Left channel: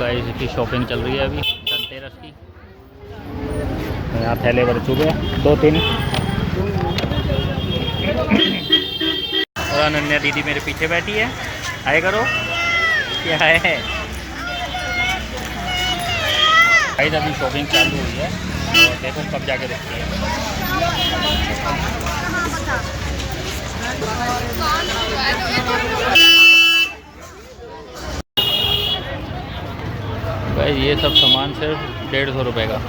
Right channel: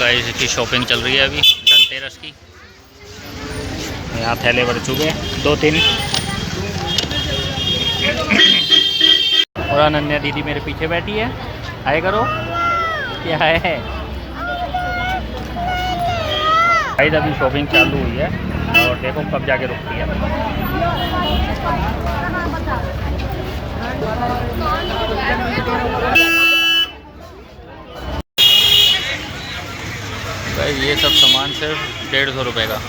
Guys इसकी shopping चल रही है अभी धनतेरस की। यहाँ थैले भर चुके हैं 2-3। और अनन्या दीदी मेरे पीछे बैठी है, आए करो। क्या है गाइस, अभी शॉपिंग चालू हुई है और देखो कब जाके रुकती है। भाई ये सब सामान सिर्फ 150 रुपये का।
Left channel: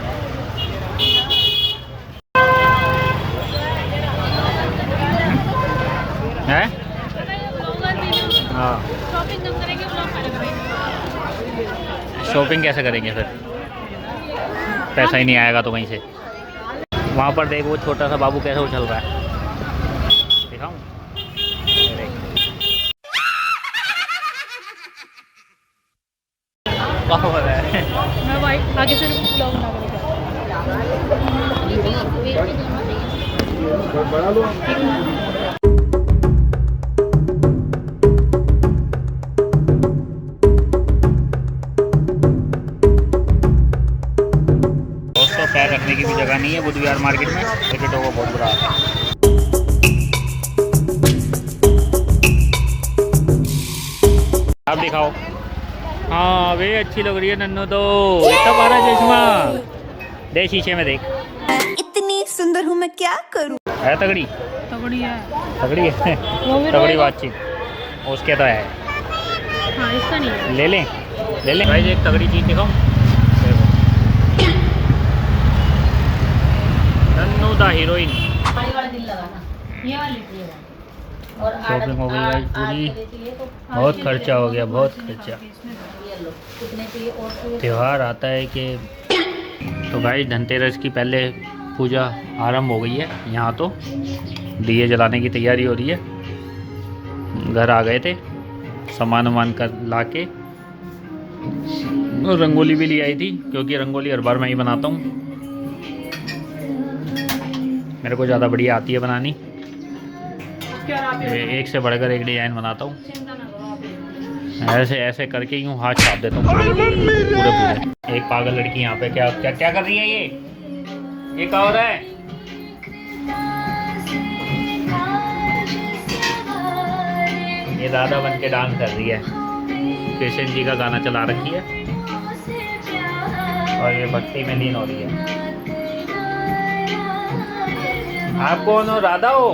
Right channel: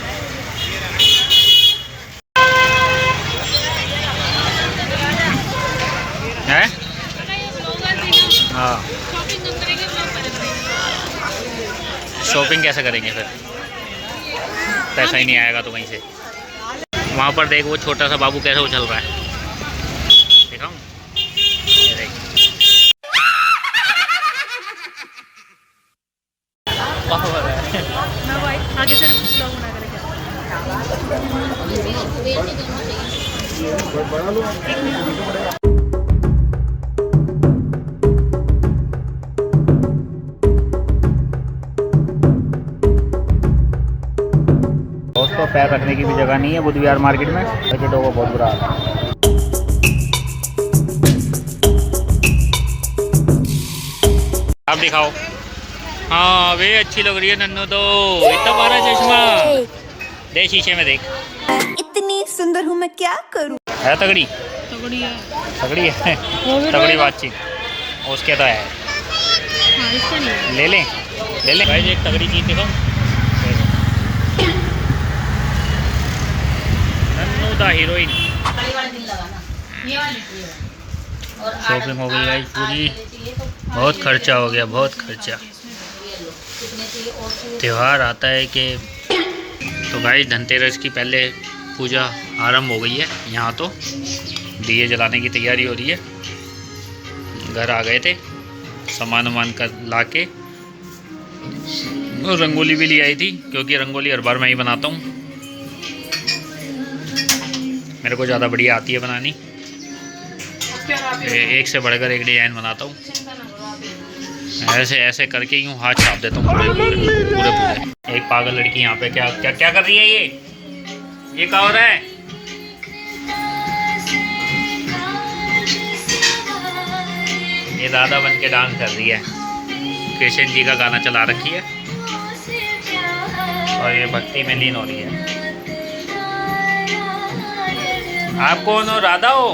है हाँ, शॉपिंग कैसे करेंगे फिर, पैसा ही नहीं आएगा तो कहीं से। वहाँ पर देख वो छोटा सा बाबू कैसे उछल रहा है, दिखाऊं? वाह हो रहा है। मैं भाई आगे से ब्लॉग बना कर क्या दोस्तों, पैर रखने की भी जगह नहीं है बुद्ध विहार मार्केट में, पैकेटों को बहुत बुरा हाल है। आप दिखाओ। हाँ वे अच्छी लग रही है नन्नू तो, इतना बड़ा चश्मा दे, शीशे में देख। इतनी सुंदर हूँ मैं, क्या करूँ? है तगड़ी, तगड़ी है, तगड़ी है, तगड़ी बातचीत उसके तो है। हाँ, इसका नहीं है। ले लें, ले लें भाई, एक तगड़ी चीज़ दिखाऊं। Nannu the heroine. शॉपिंग हो गई गाइस पूरी, बहुत खर्चा हो गया, बहुत खर्चा। त्यौहार आता है कि तो गाइस धनतेरस की पहले पूजा आरंभ हो गई है। यहाँ तो दिए जलाने की तैयारी हो रही है। घर आ गए थे, सामान वामान कर ला के, और रंगोली भी ले आई थी क्योंकि रंगोली हर बार मैं ही बनाता हूँ, मेरे को ज़्यादा बढ़िया आती है बनानी। एक से बढ़कर एक डिज़ाइन बनाता हूँ, ऐसे ऐसे करके यूँ हाथ छाप देता हूँ पूरे। एक पागल लड़की यहाँ पे क्या क्या क्या कर रही है, ये क्या हो रहा है? ये दादा बन के डांस कर रही है, कृष्ण जी का गाना चला रखी है और ये भक्ति में लीन हो रही है। आप कौन हो? राधा हो?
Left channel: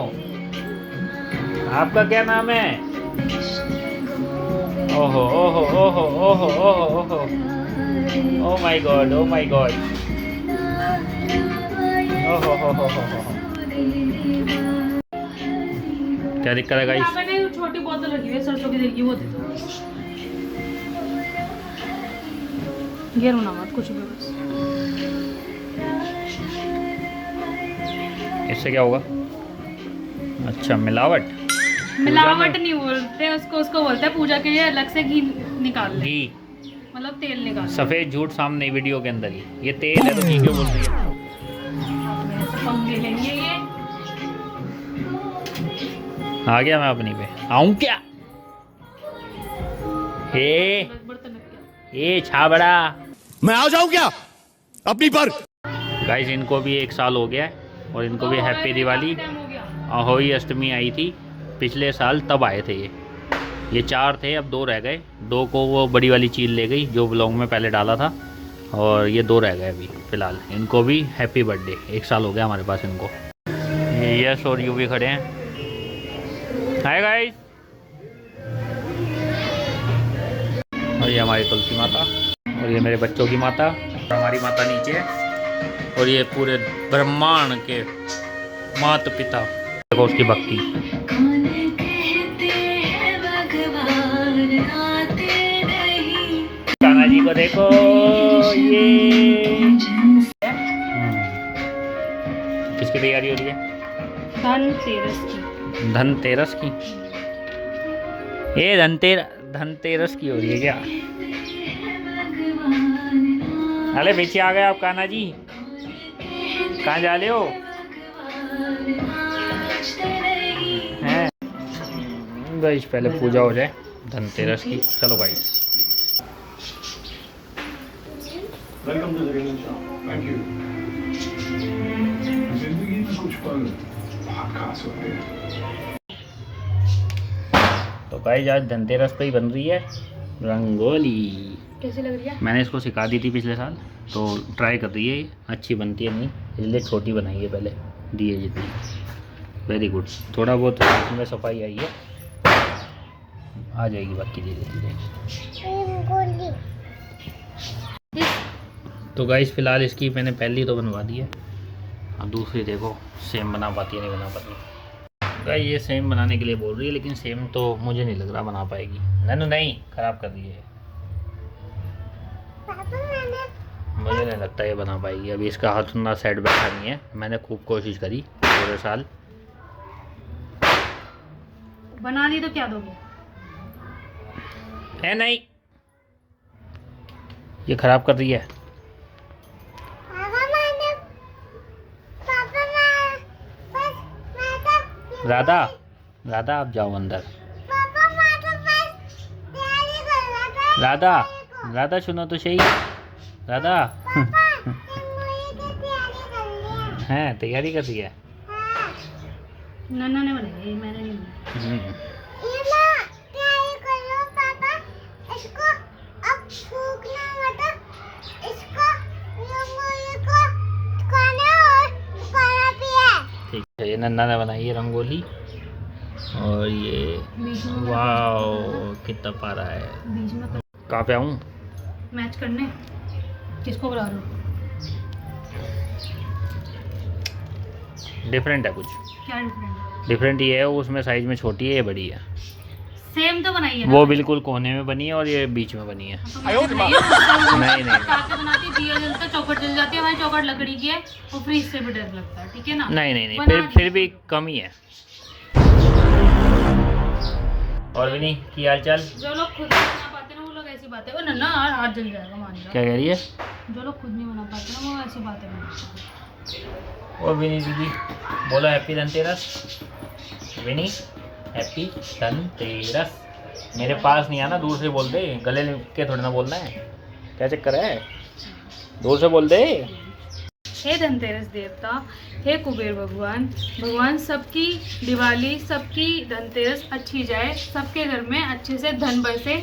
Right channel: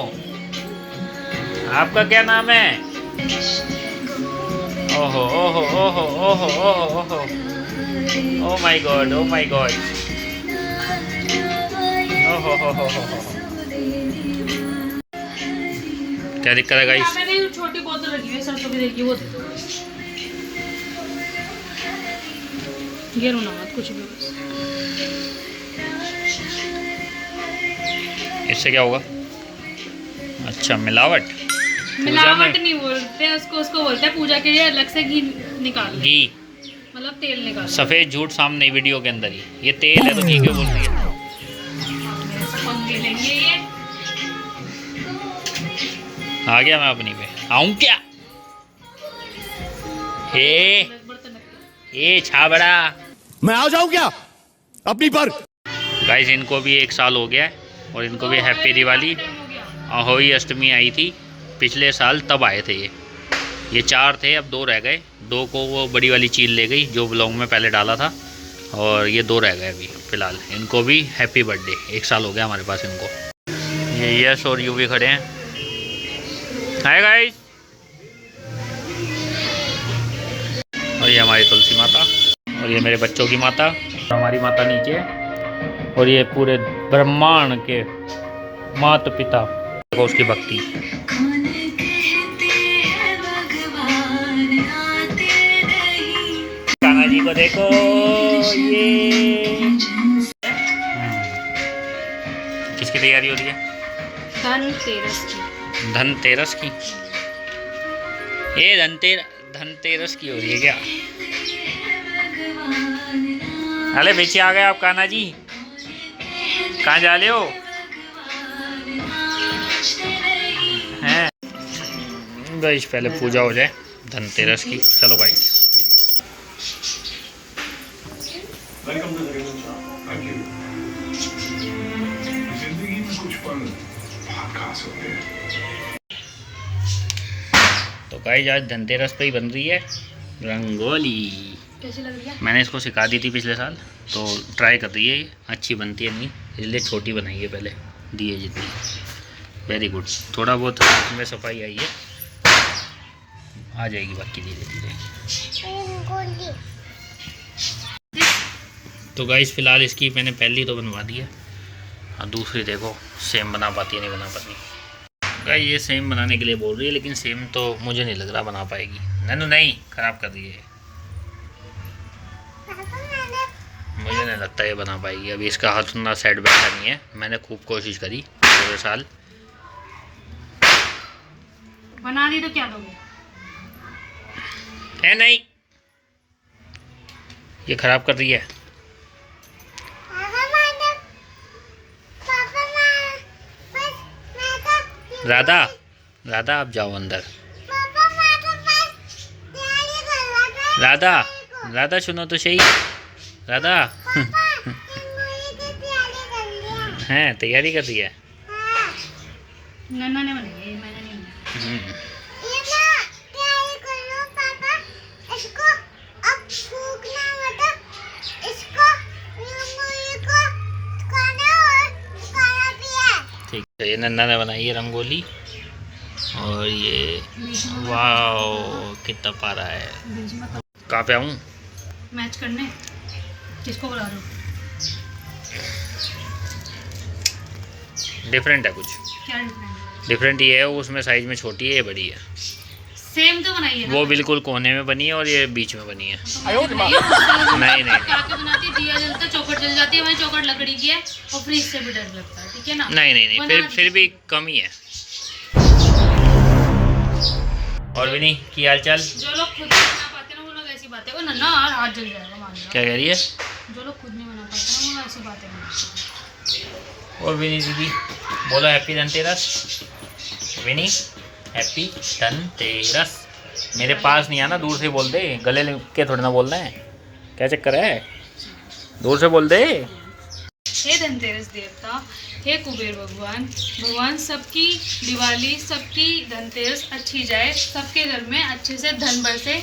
आपका क्या नाम है? ओहो ओहो ओहो ओहो ओहो ओहो, oh my God, oh my God, ओहो हो हो। क्या दिक्कत है गाइस? छोटी बोतल लगी है सरसों की तेल की, वो दे दो। गिरो ना मत कुछ भी बस। इससे क्या होगा? अच्छा, मिलावट। मिलावट नहीं बोलते उसको, उसको बोलते हैं पूजा के लिए अलग से घी निकाल, घी मतलब तेल निकाल। सफ़ेद झूठ सामने वीडियो के अंदर ही, ये तेल है तो घी क्यों बोल रही है? पंगे लेंगे ये। आ गया मैं अपनी पे, आऊं क्या? हे छाबड़ा, मैं आ जाऊं क्या अपनी पर? गाइस इनको भी 1 साल हो गया है और इनको भी हैप्पी दिवाली। अहोई अष्टमी आई थी पिछले साल, तब आए थे ये 4 थे, अब 2 रह गए। 2 को वो बड़ी वाली चील ले गई जो ब्लॉग में पहले डाला था, और ये 2 रह गए अभी फ़िलहाल। इनको भी हैप्पी बर्थडे, 1 साल हो गया हमारे पास इनको। ये यश और यू भी खड़े हैं। Hi guys. और ये हमारी तुलसी माता, और ये मेरे बच्चों की माता, हमारी माता नीचे है, और ये पूरे ब्रह्मांड के माता पिता। देखो उसकी भक्ति। कान्हा जी को देखो, ये किसकी तैयारी हो रही है? धनतेरस की। धनतेरस की? ये धनतेरस की हो रही है क्या? अरे पीछे आ गए आप कान्हा जी, कहाँ जा रहे हो? हैं गाइस, पहले पूजा हो जाए धनतेरस की। चलो गाइस, जिंदगी में कुछ पल बहुत खास होते हैं। तो गाइस आज धनतेरस पे ही बन रही है रंगोली। कैसी लग रही है? मैंने इसको सिखा दी थी पिछले साल, तो ट्राई कर रही है ये। अच्छी बनती है नहीं, इसलिए छोटी बनाई है पहले, दिए जितनी। Very good. थोड़ा बहुत इसमें सफाई आई है, आ जाएगी बाकी धीरे धीरे। तो गाइस फिलहाल इसकी मैंने पहली तो बनवा दी है, और दूसरी देखो सेम बना पाती है नहीं बना पाती। गाइस ये सेम बनाने के लिए बोल रही है, लेकिन सेम तो मुझे नहीं लग रहा बना पाएगी। नैनू नहीं, ख़राब कर दी है, मुझे नहीं लगता ये बना पाएगी। अभी इसका हाथ उतना सेट बैठा नहीं है। मैंने खूब कोशिश करी पूरे साल। बना दी तो क्या दोगे? है नहीं, ये खराब कर रही है। राधा, राधा आप जाओ अंदर। राधा, राधा सुनो तो सही। राधा हैं तैयारी कर रही है। नन्ना ने बनाई है, मैंने नहीं बनाई। ठीक है, ये नन्ना ने बनाई है रंगोली। और ये वाओ कितना प्यारा है। कहाँ पे आऊँ? मैच करने किसको बुला रहे हो? डिफरेंट है कुछ। क्या डिफरेंट? डिफरेंट ये है, उसमें साइज में छोटी है, ये बड़ी है। सेम तो बनाई है। वो बिल्कुल कोने में बनी है और ये बीच में बनी है। नहीं नहीं काके बनाती दिया जलता चौखट जल जाती है। हमारी चौखट लकड़ी की है और फ्रीज से भी डर लगता है। ठीक है ना? नहीं नहीं नहीं, फिर भी कम ही है। और भी नहीं की हाल चाल? जो लोग खुद नहीं बना पाते ना वो लोग ऐसी बातें। ओ नन्ना यार हाथ जल जाएगा, मान जाओ। क्या कह रही है? जो लोग खुद नहीं बना पाते ना वो ऐसी बातें बनाते हैं। और विनी दीदी बोलो हैप्पी धनतेरस। विनी हैप्पी धनतेरस। मेरे पास नहीं आना, दूर से बोल दे, गले के थोड़ी ना बोलना है। क्या चक्कर है, दूर से बोल दे। हे धनतेरस देवता, हे कुबेर भगवान, भगवान सबकी दिवाली सबकी धनतेरस अच्छी जाए, सबके घर में अच्छे से धन बरसे,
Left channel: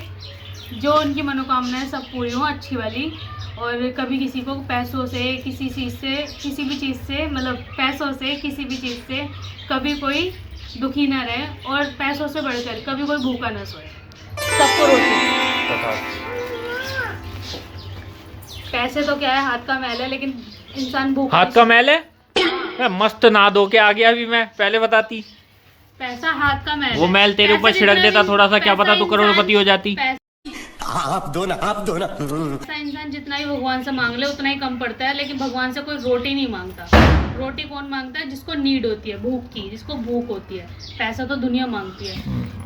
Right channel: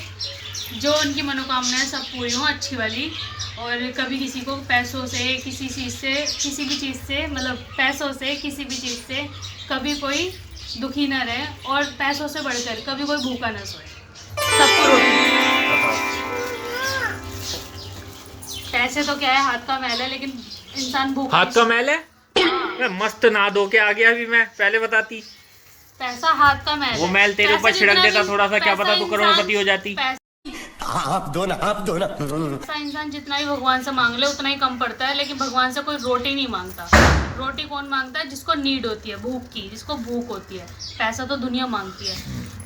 जो उनकी मनोकामनाएं सब पूरी हों अच्छी वाली। और कभी किसी को पैसों से किसी चीज़ से किसी भी चीज़ से मतलब पैसों से किसी भी चीज़ से कभी कोई दुखी ना रहे, और पैसों से बढ़कर कभी कोई भूखा ना सोए। सबको रोटी। पैसे तो क्या है, हाथ का मैल है, लेकिन इंसान भूखा हाथ का मैल है? मैं मस्त नहा धो के आ गया अभी, मैं पहले बताती। पैसा हाथ का मैल वो है। मैल तेरे ऊपर पैसा छिड़क जितना देता थोड़ा सा, क्या पैसा पता तू करोड़पति इंसान- हो जाती। आप दो ना, आप दो ना। पैसा इंसान जितना ही भगवान से मांग ले उतना ही कम पड़ता है, लेकिन भगवान से कोई रोटी नहीं मांगता। रोटी कौन मांगता है? जिसको नीड होती है, भूख की, जिसको भूख होती है। पैसा तो दुनिया मांगती है,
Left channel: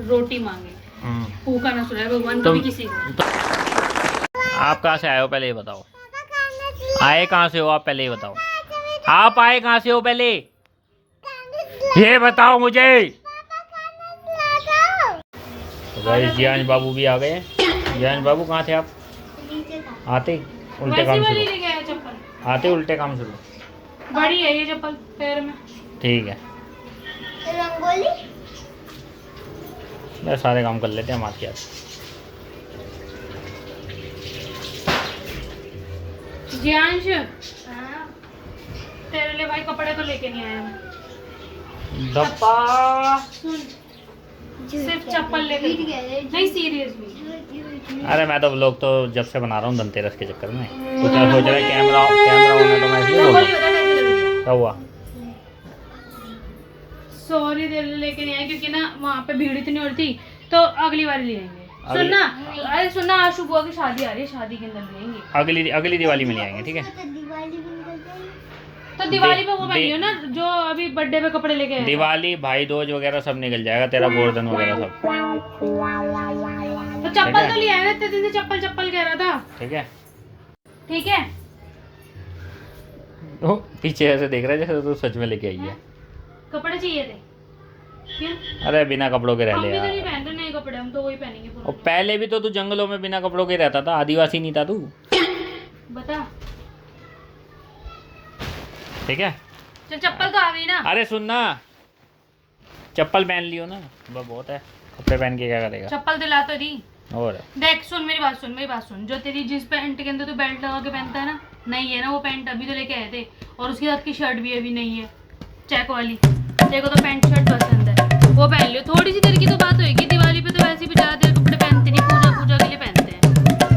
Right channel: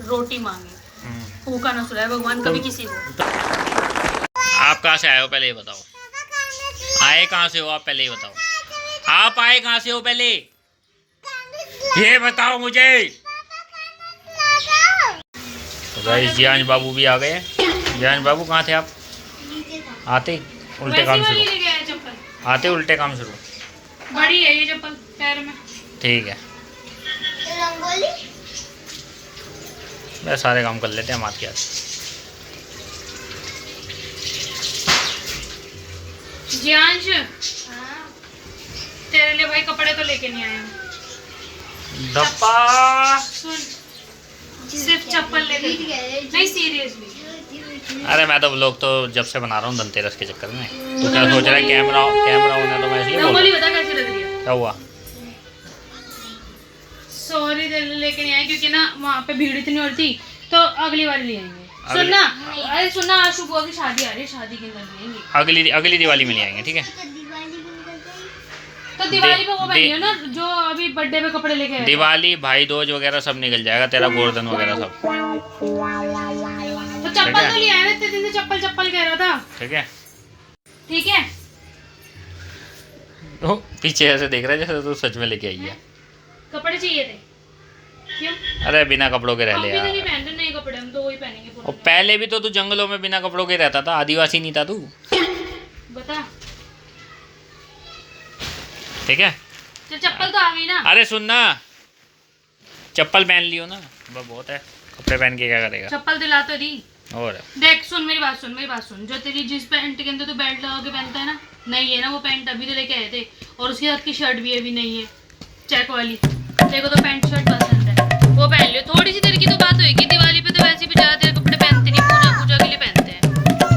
रोटी मांगे, भूखा ना सुलाए भगवान कभी किसी को। आप कहाँ से आए हो पहले ये बताओ। आए कहाँ से हो आप, पहले ये बताओ। आप आए कहाँ से हो पहले ये बताओ मुझे। तो गाइस जियान बाबू भी आ गए हैं। जियान बाबू कहाँ थे आप? आते उल्टे काम वैसी शुरू, वाली लेके आए चप्पल। आते उल्टे काम शुरू। बड़ी है ये चप्पल पैर में। ठीक है, रंगोली मैं सारे काम कर लेते हैं हम आपके हाथ। जियांश, तेरे लिए भाई कपड़े तो लेके नहीं आया हूँ। धप्पा। सुन, सिर्फ चप्पल लेके नहीं, सीरियसली। अरे मैं तो व्लॉग तो जब से बना रहा हूँ धनतेरस के चक्कर में। तो क्या सोच रहा है कैमरा होना, तो मैं इसलिए बोल रहा रंगोली हूँ। बता कैसी लग रही है? क्या हुआ? सॉरी तेरे लिए लेके नहीं आए क्योंकि ना वहाँ पे भीड़ इतनी और थी, तो अगली बार ले आएंगे। सुनना, अरे सुनना, आज शुभ की शादी आ रही है, शादी के अंदर लेंगे। अगली दिवाली में ले आएंगे, ठीक है। तो दिवाली पे वो पहनियो ना जो अभी बर्थडे पे कपड़े लेके आए। दिवाली भाई दूज वगैरह सब निकल जाएगा, तेरा गोवर्धन वगैरह सब। तो चप्पल तो ले आए ना, इतने दिन से चप्पल चप्पल कह रहा था। ठीक है। ठीक है, ओ, पीछे ऐसे देख रहा है जैसे तू सच में लेके आई है। कपड़े चाहिए थे क्यों? अरे बिना कपड़ों के रह हम ले भी तो नहीं यार। पहनते नए कपड़े, हम तो वही पहनेंगे। और पहले भी तो तू जंगलों में बिना कपड़ों के रहता था, आदिवासी नहीं था तू। बता ठीक है। तो चप्पल तो आ गई ना। अरे सुनना, चप्पल पहन लियो ना, बस बहुत है, कपड़े पहन के क्या करेगा। चप्पल दिला तो दी। और देख सुन मेरी बात सुन, जो तेरी जिस पैंट के अंदर तू बेल्ट लगा के पहनता है ना, नहीं है ना वो पैंट, अभी तो लेके आए थे, और उसके साथ की शर्ट भी अभी नहीं है, चेक वाली। देखो तो पैंट शर्ट पसंद है, वो पहन लियो। थोड़ी सी देर की तो बात होगी, दिवाली पे तो वैसे भी ज्यादा देर कपड़े पहनते नहीं, पूजा के लिए पहनते हैं,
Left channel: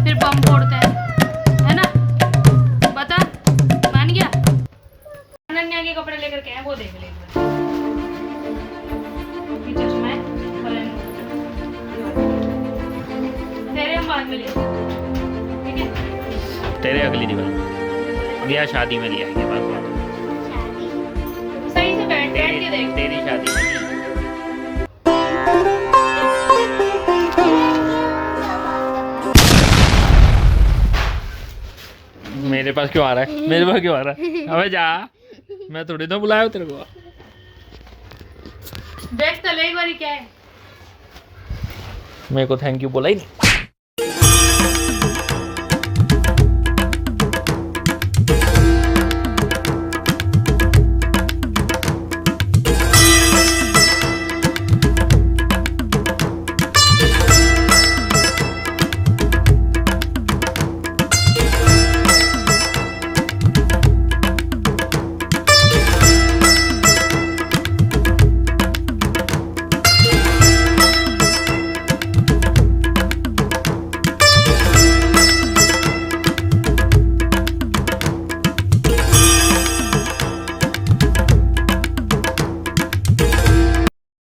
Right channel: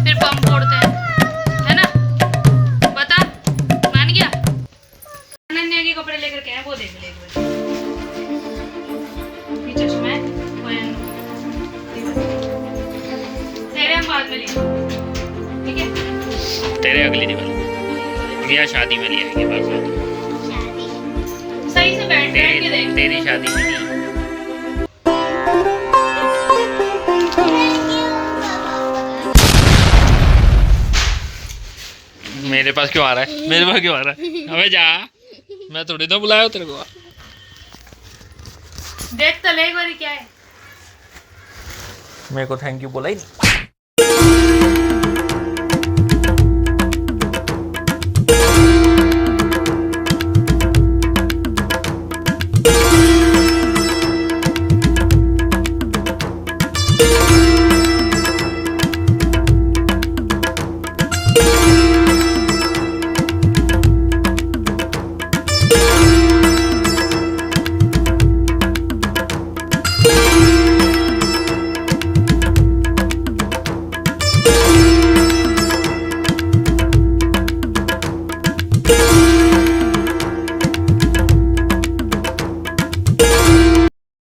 फिर बम फोड़ते हैं, है ना। बता, मान गया। अनन्या के कपड़े लेकर के आए, वो देख ले एक बार। ये चश्मा है, तेरे हम बाद में लेंगे, ठीक है। तेरे अगली दिवाली या शादी में ले आएंगे बात। सही से बैठ के देख। तेरी शादी में नहीं। मेरे पास क्यों आ रहा है, मेरे पास क्यों आ रहा है? अबे जा, मैं थोड़ी ना बुलाया तेरे को। देख तो ले एक बार क्या है। मेरे को थैंक यू बोला ही नहीं।